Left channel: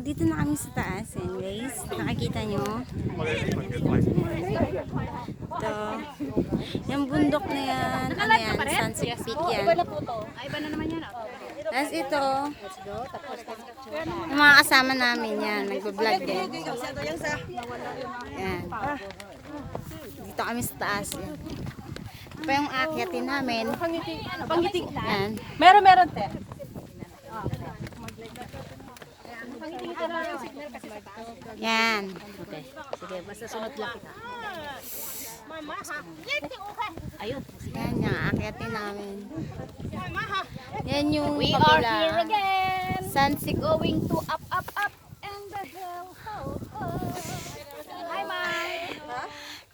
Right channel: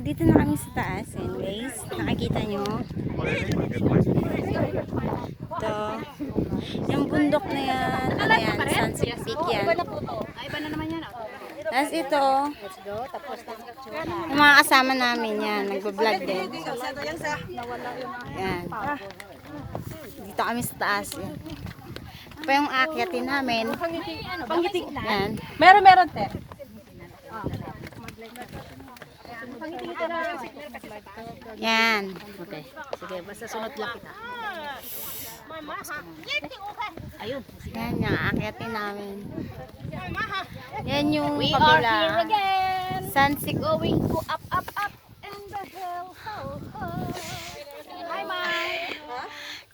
dito na kami sa taas. Anyways, nakikita nyo. Ito. Yung bundok na yan. Ano yan? Sunset Peak yan. Ay, iba na naman yan. Tapos ito. Yung mga kasama namin yan. Nagbablog din. Yan. Dito kami sa taas. Ito yung akyatin namin. Pangiti. Yan. Meron, te. Yan. Okay. Sige, basta sunod lang kita. Ayun. Yan yung akyatin namin. Yan yung We are here kabila. again. Sunset. Going to up and the hill. Hi, Mai.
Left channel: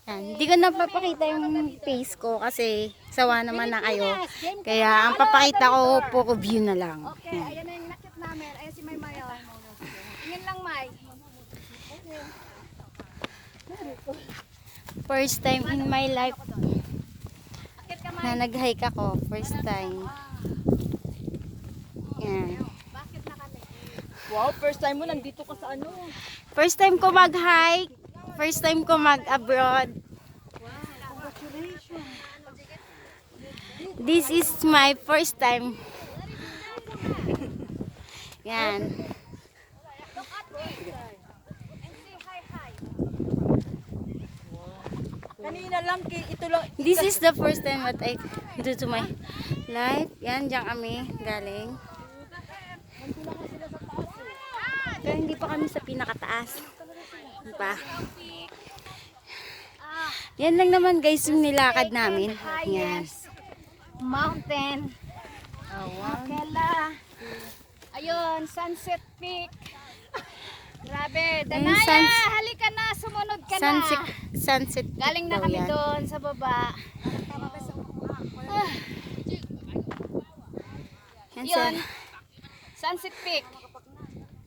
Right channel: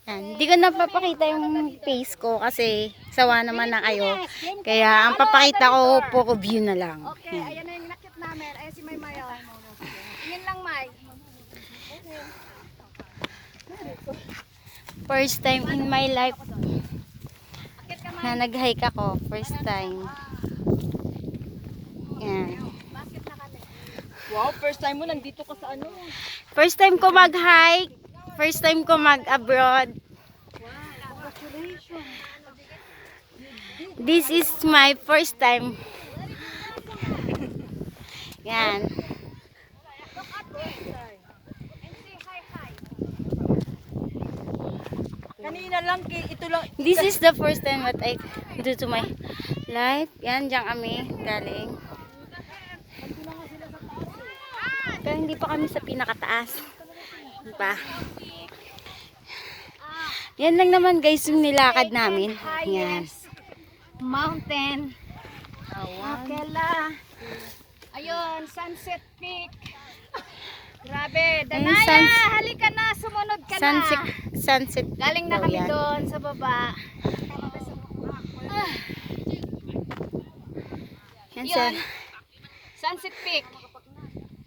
Yan. Hindi ko napapakita yung face ko kasi sawa naman na kayo. Kaya ang papakita ko, puro view na lang. Okay, Yan. ayan na yung nakit namin. Ayan si May Mayo. Yun lang, Mai. First time in my life Akit ka, Mai. na nag-hike ako. First time. Yan. Bakit na kami? Wow, first time mo nandito ka sa ano? First time ko mag-hike. First time ko mag-abroad. This is my first time. Yan. Kanina lang, ito lang. This is the first time that I do to my life. Yan, diyan kami galing. Pero hindi pa kami sa pinakataas. Hindi pa. Yan lang naman guys yung nilakad namin. Yan. Mountain. Akela. Ayun, Sunset Peak. Grabe, Ayun, Danaya, halika na, sumunod ka na. Sunset Galing na daw kami yan. doon sa baba. Yan sir. Yun, Sunset Peak.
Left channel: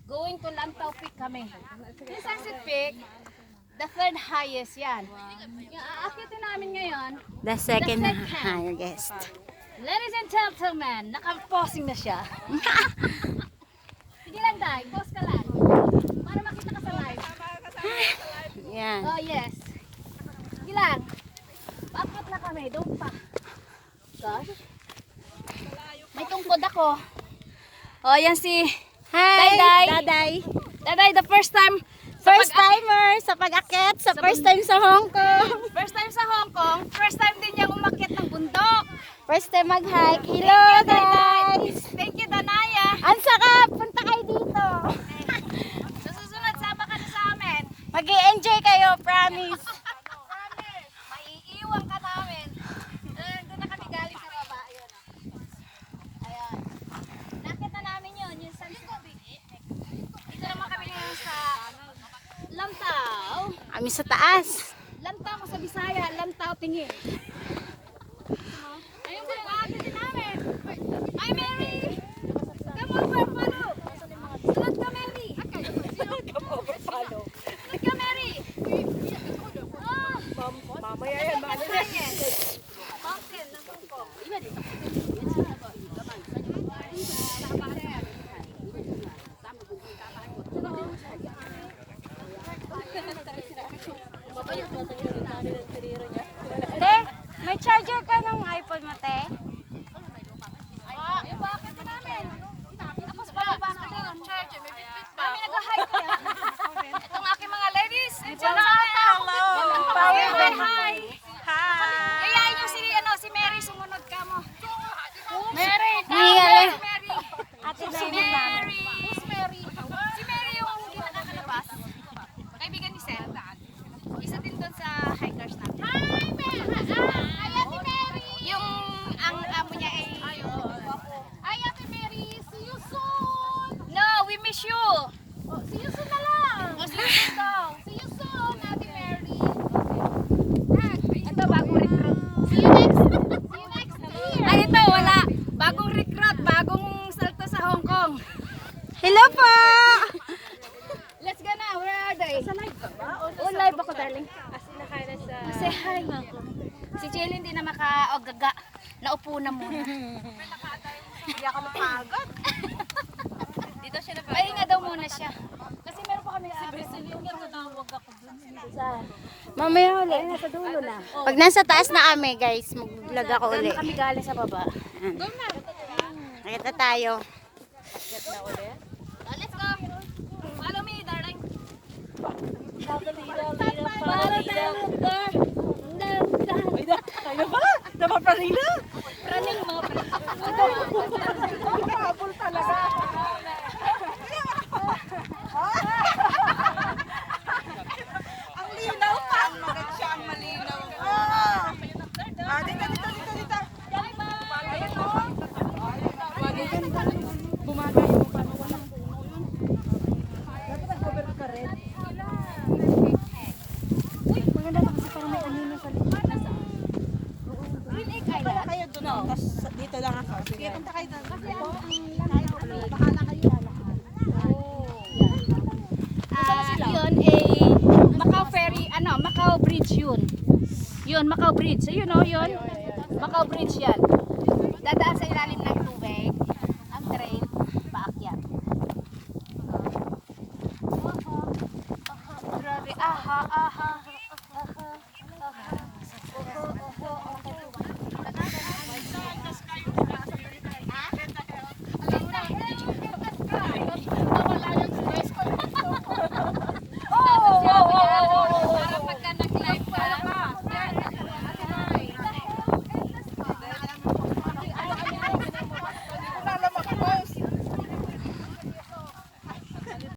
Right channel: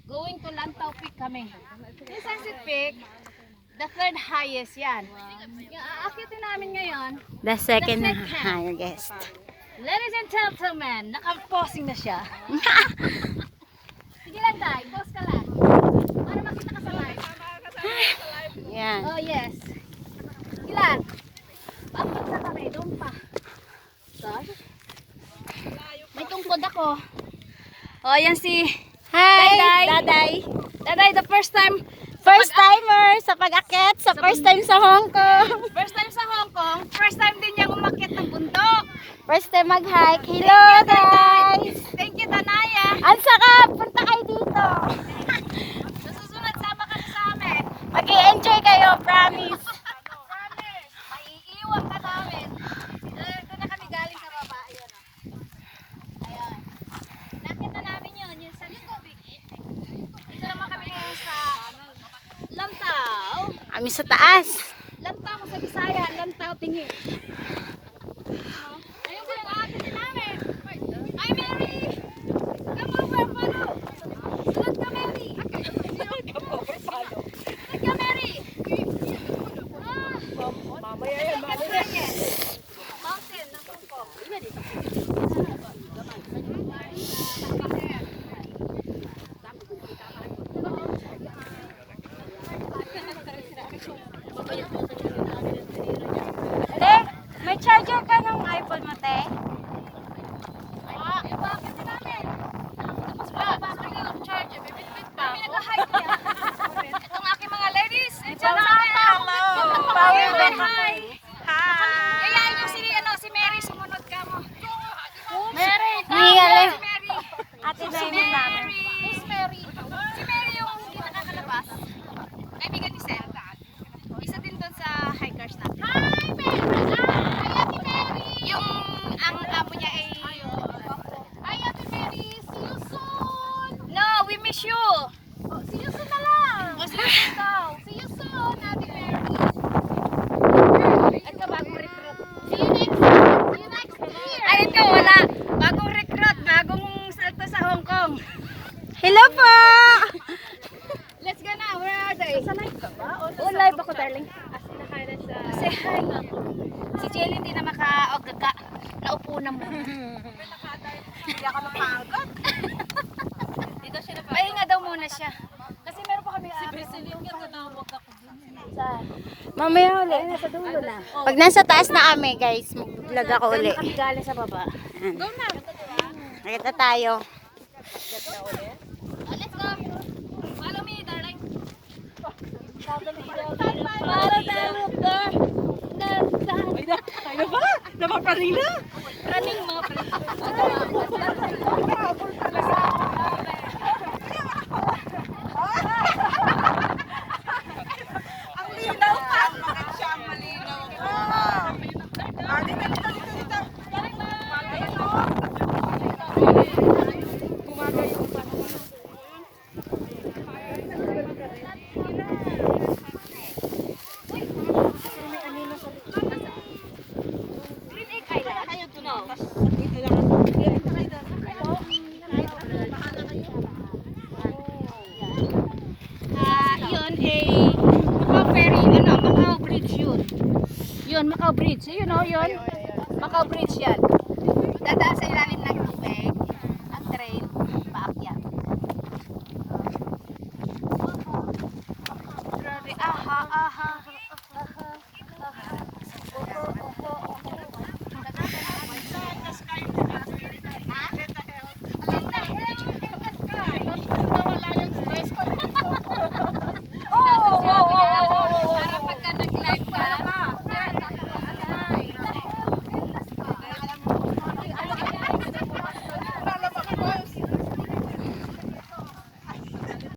Going to Lantau Peak kami. Yung Sunset Peak, the third highest yan. Yung aakitin namin ngayon, The second highest. ladies and gentlemen, naka-posing na siya. Sige lang tayo, pause ka lang. Para makita ka sa live. Yan. Oh yes. Ilan? Apat na kami, doon pa. Gosh. May tungkod ako. Oh, yan si Hi! Daday. Daday. Daday, the first time. First timer sa pag-akit, sa first time sa Hong Kong. First time sa Hong Kong. First time din niyang umakyat ng bundok. First time mag-hike. Hello guys! Thank you, Danaya. Ang sarap! Punta kayo dito. Sa susunod, sama ka sa amin. Mag-i-enjoy kayo, promise. Promise. Maiiwan ka namin. Doon na kami galing sa baba. Ayan. Ayan. Nakita na namin yun. Yung Sunset Peak. Dito naman kami ngayon sa Lantau. Kami sa taas. Lantau ko sa Bisaya. Lantau tingi. Ayun ko yung aakitin namin. Hi, Mary! Come over, follow! Sunod ka, Mary! Sunod ka, Mary! Mamaya yan, mamaya. Mountain, nandun ko. Te, may charger ka ng iPhone mo, te? Bakit ka namin? Mas bababa kami ng charge. Kami nag-hike yan. Itong aking mga ladies and gentlemen. Hello! Hi! Hi! Hi! Kayain niyo si Mary, sumunod ka mo. Mary! Mingale. Si Mary! Ate Si Mary! Who's Mary? Si Mary yung hindi nakakalabas. Kaibigan ni Seth. Isa din doon sa hikers natin. Hi, Mary! Hi, Ate Mary! Yung ang amo niya ay... Hi, Ate Mary! See you soon! No, we miss you! See you soon na lang! See you soon daw! See you soon, Ate Mary! Ito, bagong recruit. See you next year! See you next year! Ay, ito, wala! Bagong recruit, bagong salto sa Hong Kong. Hello po! Let's go na. Where are they? Sa live ka ba? Oh, live ako, darling. Say hi. Si Jelly hindi na maka-ogaga. Naupo na muna. Hindi ako napagod. Dito siya napagod. Pahinga daw muna siya. siya. Kasi meron pa kami Mamaya ulit. Nasa dulo na. Pag nasa taas na kami, guys, mag-vlog ako ulit. kami galing sa baba. Nakita tayo. Let's go. Follow me, darling. Ano ba? Napaparila? Running mo. Nakapabol pala sa... Ang linaw pa. Bakit siya ang malinaw? Dito, dito, dito, dito. Bumagay yung panahon. Dapat nag-cover ka rin. Green Egg Island. Kayo doon. Tapos dito lang ako. Punta kayo doon. Yun Macau Ferry, Macau Bridge yun. Yun, Macau Bridge. Ayun o, yun. Macau Bridge yan. Dadaan sa ilalim ng